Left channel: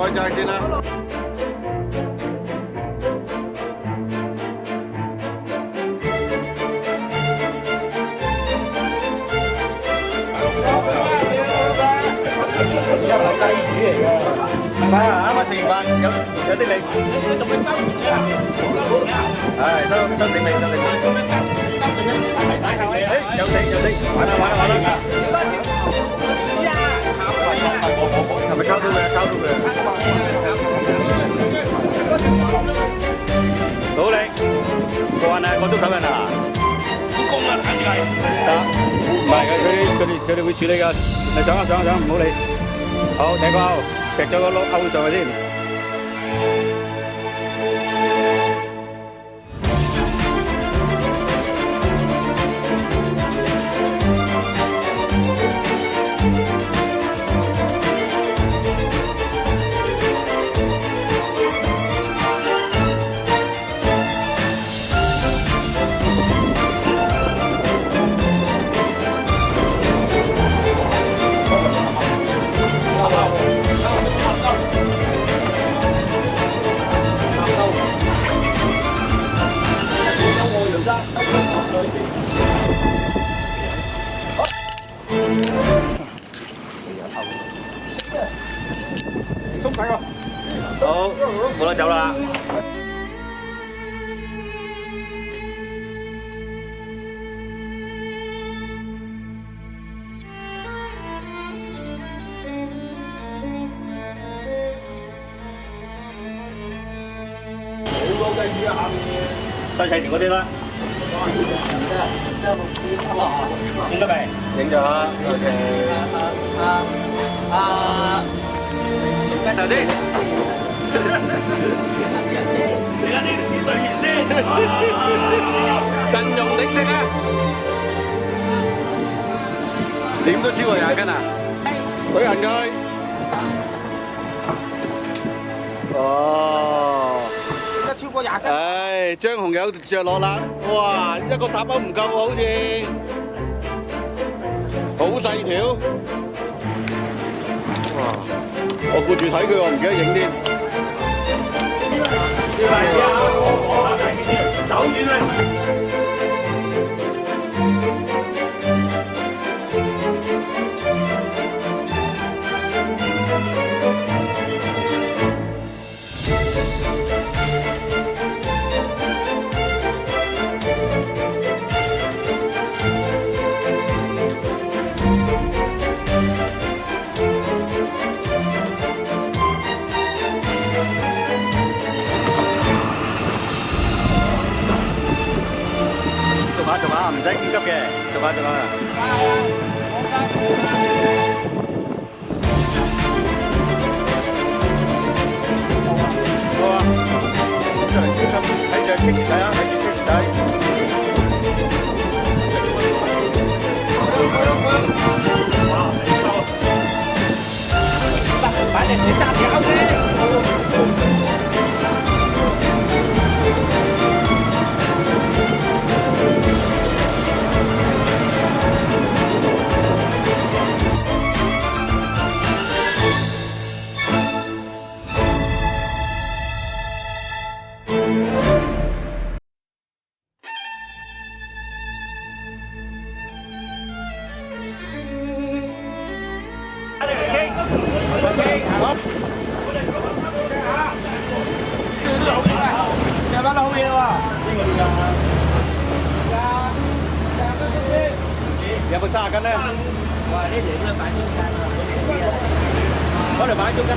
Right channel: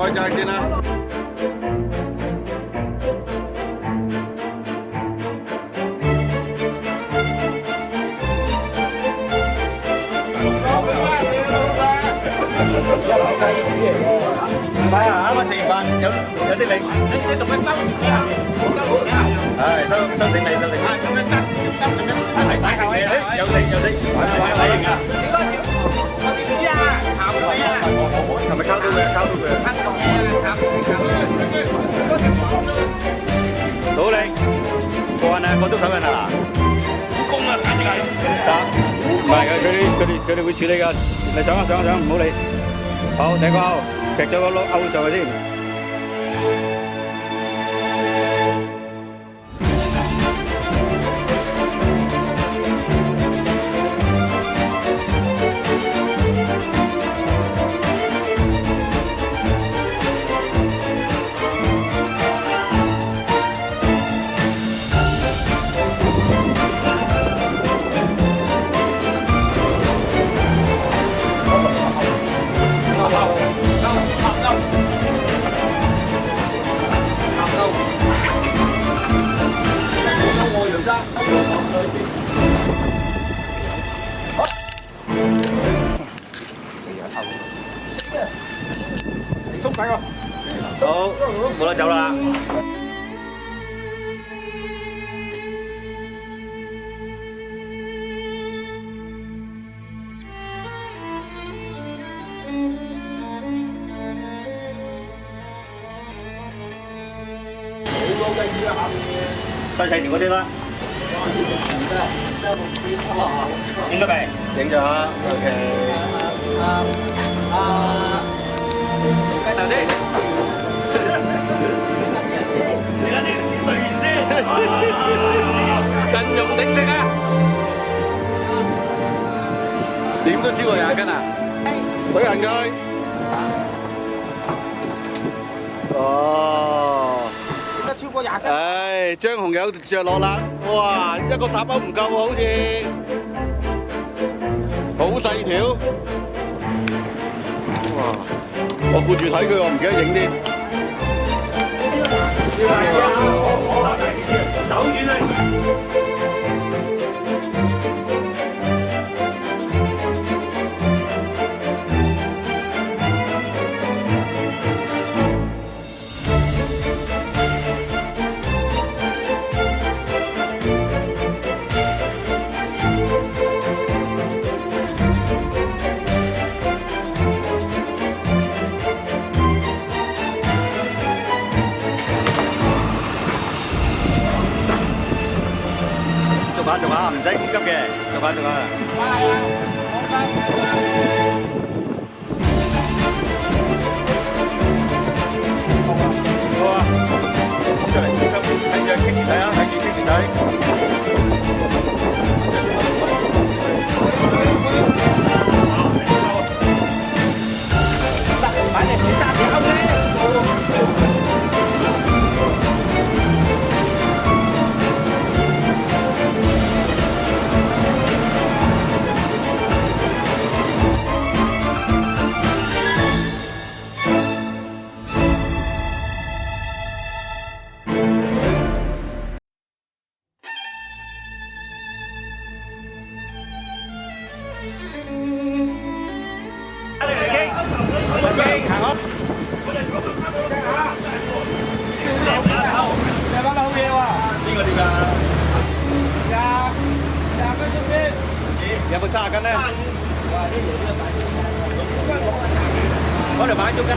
開齋先啦。雞魚嚟嘅，唔係啊！啱啱食完飯有啲力。你做咩收住喺下面？收住喺下面。係收醒未？收醒未？咁樣執咁樣，擺後尾啦！有食，玩啊！你嗰條我點知啊？炒佢啊！係咪溝到佢啊？溝到佢啊！努力，過癮啊！過足手印啊！好功啊，簡直係得，唔係佢哋會處理㗎。你上唔好理。好，第一個勾，劈咗個勾上去先。好，冇得走啦。細細條嗰啲啦。影咗未？影咗 ，OK。頭先。而家啲隊員先，陣容鼎盛啊！點都超過20斤啊！舉行佢。哦。點解超過20斤？唉，張紅有着落啦！哇，一個塔包唔夠好似，好細條。哇！我顧住睇佢，我唔記得影添。我大先知，手軟啊！逐下，唔使咁急嘅，逐下。快啊！冇急。好啊，出嚟，小心睇住棘住睇啊，睇住棘住睇。哇！你收，快啲，你揸住勾先。有冇30斤咧？哇！呢條都擺中間喎。嗰條擺中間。